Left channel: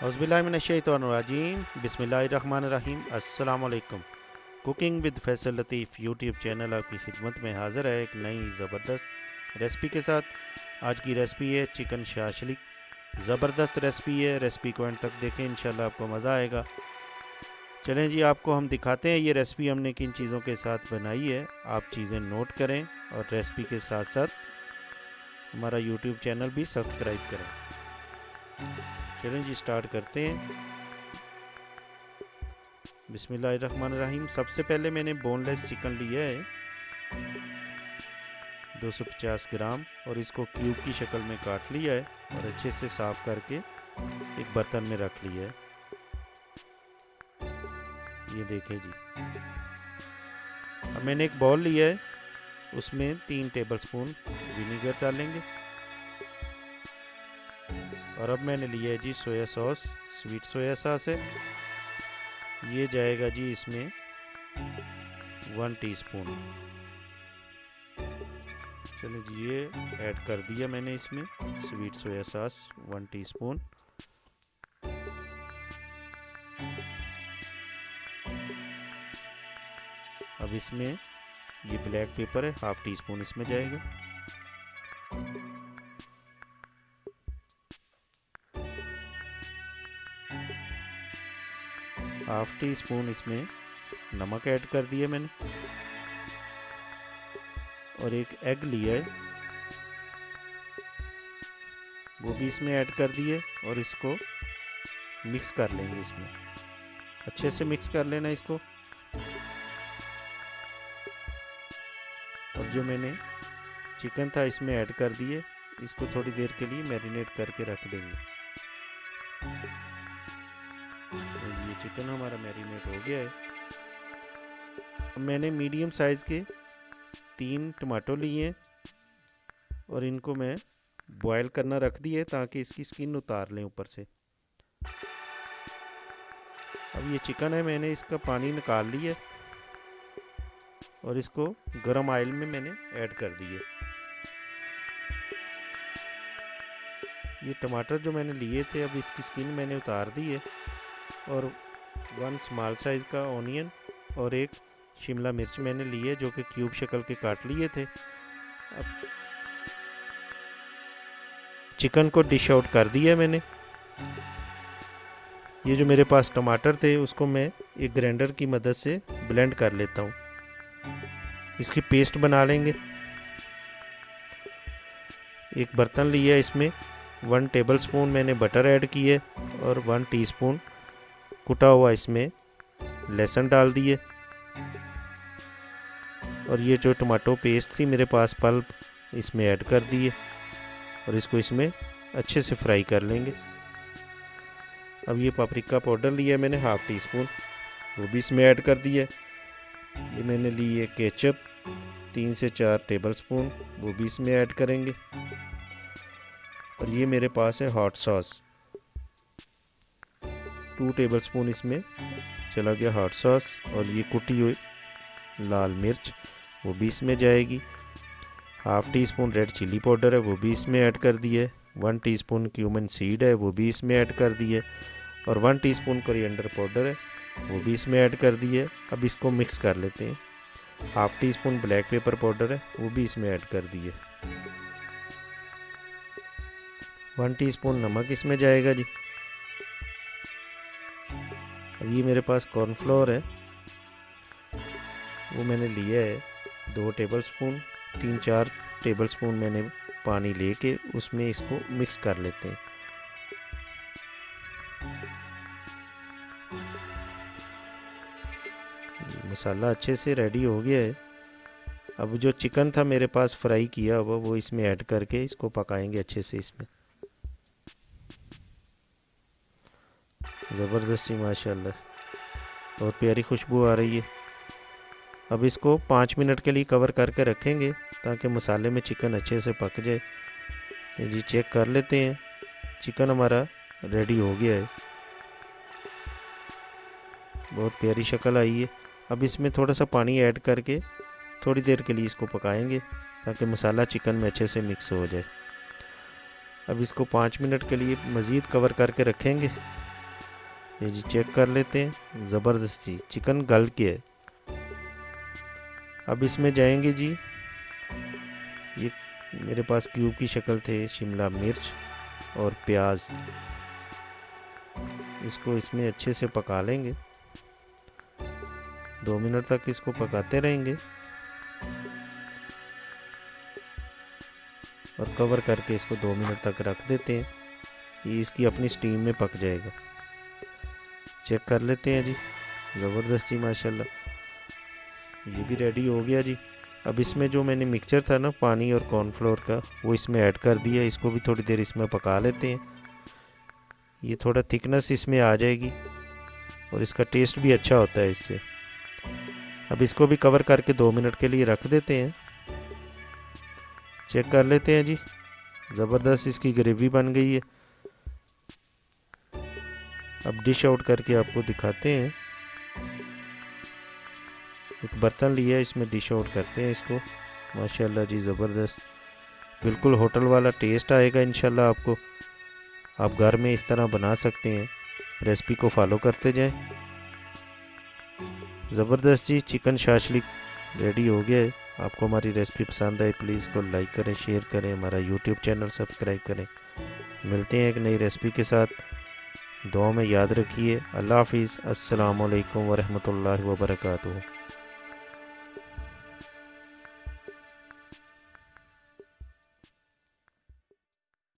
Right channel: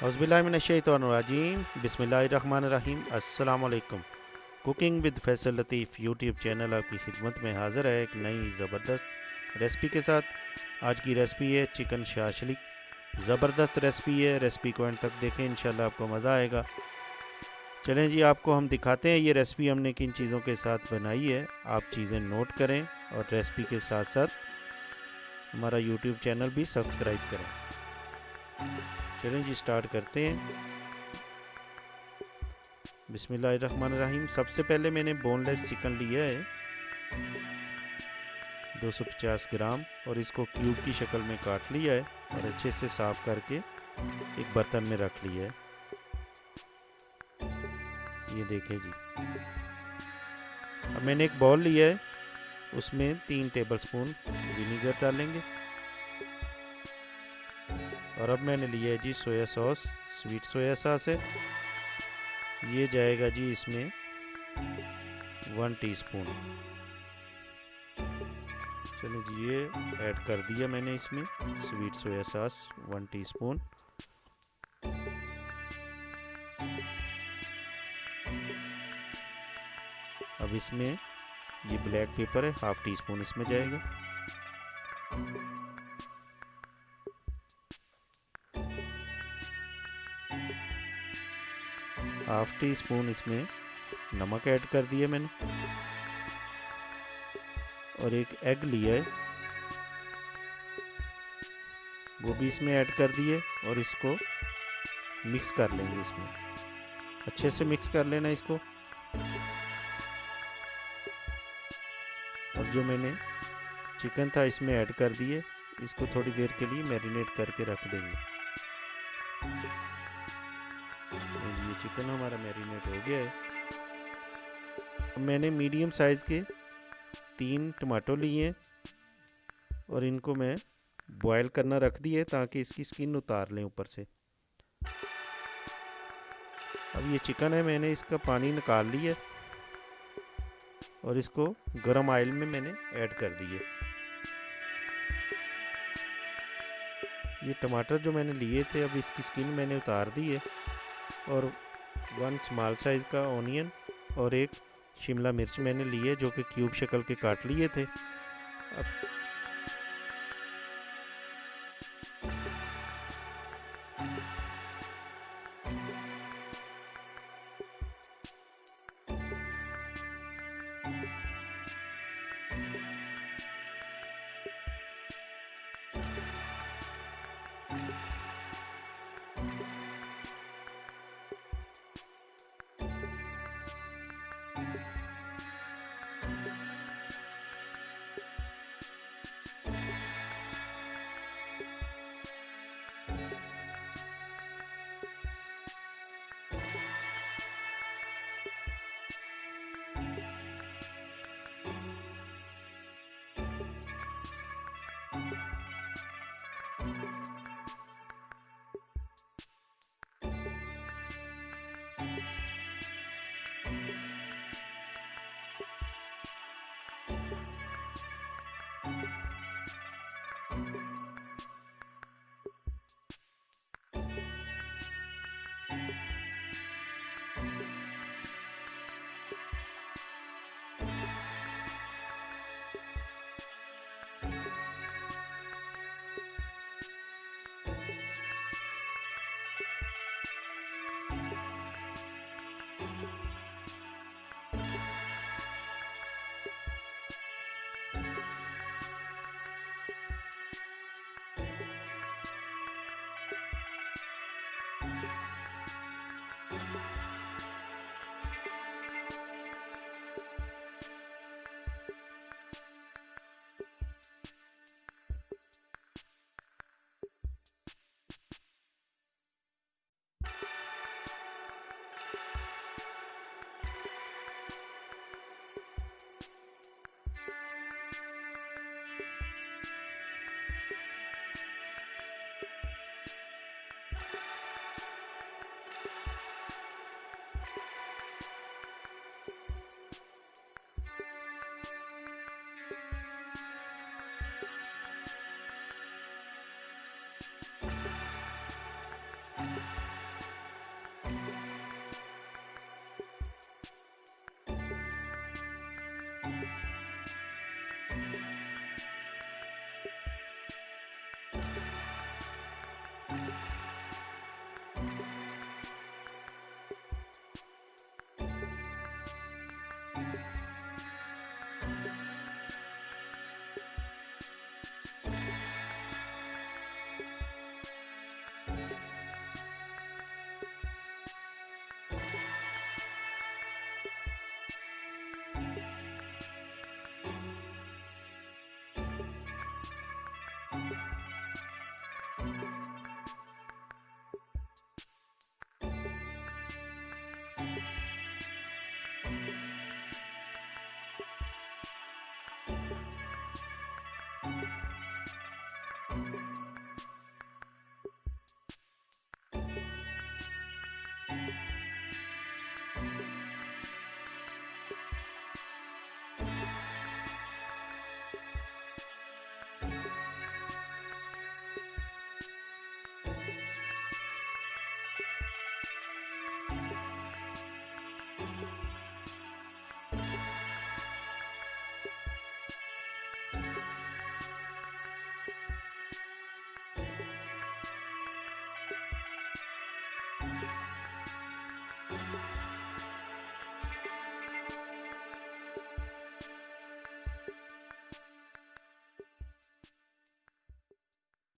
औज़ुबिल्लाहिमिनश्शैतानिर्रजीम बिस्मिल्लाहिर्रहमानिर्रहीम अस्सलाम वालेकुम। Cooking with Faisal Latif YouTube channel आपकी खिदमत में हाज़िर है एक नई ज़बरदस्त रेसिपी के साथ। आज की रेसिपी है चिकन शाशलिक। ज़बरदस्त रेसिपी है, रेसिपी को एंड तक देखें, इंशाल्लाह आपको मज़ा आएगा। चलें जी, आपको हम दिखाते हैं ये रेसिपी हमने किन चीज़ों के साथ बनाई है। आप चीज़ें नोट करें और रेसिपी के साथ साथ हमारा यूट्यूब चैनल भी सब्सक्राइब करें। चलें जी, स्टार्ट करते हैं। बिस्मिल्लाहिर्रहमानिर्रहीम। सबसे पहले मैंने बोनलेस चिकन लिया है 250 ग्राम और इसको क्यूब की शक्ल में काट लिया है और अच्छे से साफ़ करके एक बर्तन में रख लिया है। ये देखें जी। अब मैंने एक बाउल लिया है, उसमें 3 टेबलस्पून विनीगर डालेंगे और अब मैंने लिया है जी soya sauce, sweet soya sauce है। ये जाएगा जी इसमें 1 टीस्पून। चलिए जी, ये ऐड कर दिया मैंने इसमें स्वीट सोया सॉस 1 टीस्पून। अब इसमें ये ब्लैक पेपर है, हाफ टी स्पून इसमें जाएगा। हाफ टी स्पून इसमें नमक ऐड कर दिया मैंने और एक एग लिया है, वो भी इसमें ऐड कर दिए और इसको मिक्स कर लेंगे। इसमें अच्छे से मिक्स कर लेना इसको। और जो मैंने चिकन था इसमें ऐड कर दिए, इसको थोड़ी देर के लिए मैरिनेट करके रख देंगे। ये चिकन हमारा मैरिनेट हो गया है। मैंने मीडियम साइज़ के 3 टमाटो लिए हैं और इनको मैं बॉयल करना रख दिए ताकि इसकी स्किन उतार लें ऊपर से। अब ये चिकन है, मैंने इसका पानी निकाल लिया और इसको गरम ऑयल में मैंने ऐड कर दिए। ये टमाटर जो मैंने लिए थे, अब इसकी स्किन मैंने उतार दी है और 1 स्मॉल साइज़ का ऑनियन और एक शिमला मिर्च मैंने लिए जो कि क्यूब शक्ल के काट लिए थे। अब चिकन को डिश आउट कर दिया मैंने। ये जो मेरे पास टमाटर थे उसको मैं एक ग्राइंडर की मदद से ब्लेंड कर लेता हूँ। इसकी पेस्ट बना लेंगे। एक बर्तन लिया, इसमें 1 टेबलस्पून मैंने बटर ऐड किए और 1 टीस्पून कुटा हुआ इसमें लहसुन डाल दिए और ये जो टमाटो पेस्ट थी मेरे पास पल्प इसमें ऐड कर दिए और इसको इसमें अच्छे से फ्राई कर लेंगे। अब ये पापरिका पाउडर लिया है मैंने हाफ टी स्पून, वो भी इसमें ऐड कर दिया। ये मैंने ली है केचप 3 से 4 टेबलस्पून, वो भी इसमें ऐड करेंगे। और ये मेरे पास है हॉट सॉस 2 टेबलस्पून इसमें चला गया हॉट सॉस। और ये कुटी हुई लाल मिर्च वो भी इसमें जाएगी। Half teaspoon red chilli powder है, वो भी इसमें ऐड कर दिए। 1 टीस्पून क्यूमन सीड है, वो भी इसमें ऐड कर दिए। और 1 टीस्पून कोरिएंडर पाउडर है, वो भी इसमें ऐड कर दिए। अब इसको मिक्स कर लेते हैं। Half tea spoon black pepper powder है, वो भी इसमें ऐड कर दिए। 1 टीस्पून नमक इसमें जाएगा जी। अब ये मेरे पास कॉर्नफ्लोर है, वो मैंने लिया है 2 टेबलस्पून। 3-4 टेबलस्पून मैंने पानी लेके उसमें इसको मिक्स कर लेते हैं। मसाला अच्छे से रेडी हो गया है। अब जो चिकन था मेरे पास फ्राई किया हुआ, वो इसमें ऐड करके इसको पकाएंगे अच्छे से। इसमें ज़बरदस्ती माशाल्लाह बहुत प्यारी खुशबू आ रही है। अब इसको 5 मिनट के लिए कवर करके रखेंगे ताकि मसाले में चिकन अच्छे से पक जाए। ये जी चेक कर लेते हैं, चिकन हमारा रेडी हो गया है, बहुत प्यारी शक्ल आई है। अब इसमें थोड़ा सा पानी ऐड करके थोड़ी देर के लिए इसको पकाएंगे ताकि मसाला चिकन में अच्छे से मिक्स हो जाए। अब इसको 5 मिनट के लिए मज़ीद कवर करके रखेंगे ये जी चेक कर लेते हैं, ज़बरदस्त जी चिकन गल के है। अब इसमें जाएंगे जी, ये मेरे पास क्यूब की शक्ल थे शिमला मिर्च और प्याज, इसको इसमें अच्छे से पका लेंगे। 2 मिनट तक इसको पकाते रहेंगे और कवर करके इसको 2 मिनट तक रख देते हैं, ये इसकी अपनी स्टीम में पक जाएगा। चेक कर लेते हैं जी, ज़बरदस्त जी माशाल्लाह, ये भी रेडी हो गया जी। अब इसमें जो मैंने मिक्सचर था ना पानी और कॉर्नफ्लोर का, वो इसमें ऐड कर दिया, इसको भी थोड़ी देर इसमें पका लेते हैं। ये थोड़ा थिकनेस इसमें आ जाएगी और इसका टेस्ट भी अच्छा होता है इससे। अब इसको भी कवर करके 2 मिनट के लिए रख देते हैं। चेक कर लेते हैं जी, ज़बरदस्त इसकी ग्रेवी बन गई है। अब डिश आउट करके आपको दिखाते हैं। एक बर्तन लिया है, इसमें डिश आउट करते हैं इसको। माशाल्लाह जी ज़बरदस्त, बिल्कुल होटल वाला टेस्ट आएगा इंशाल्लाह आपको। आप घर में इस तरह बना सकते हैं, रेसिपी को फॉलो करते जाएं। ज़बरदस्त जी चिकन शाशलिक रेडी हो गया है। आपको हमारी रेसिपी पसंद आए प्लीज़ को लाइक करें, शेयर करें, हमारा यूट्यूब चैनल सब्सक्राइब करें। मिलते हैं एक नई रेसिपी के साथ, दुआ में याद रखिए। अल्लाह हाफिज़, अस्सलाम वालेकुम वरहमतुल्लाहि वबरकातुहू।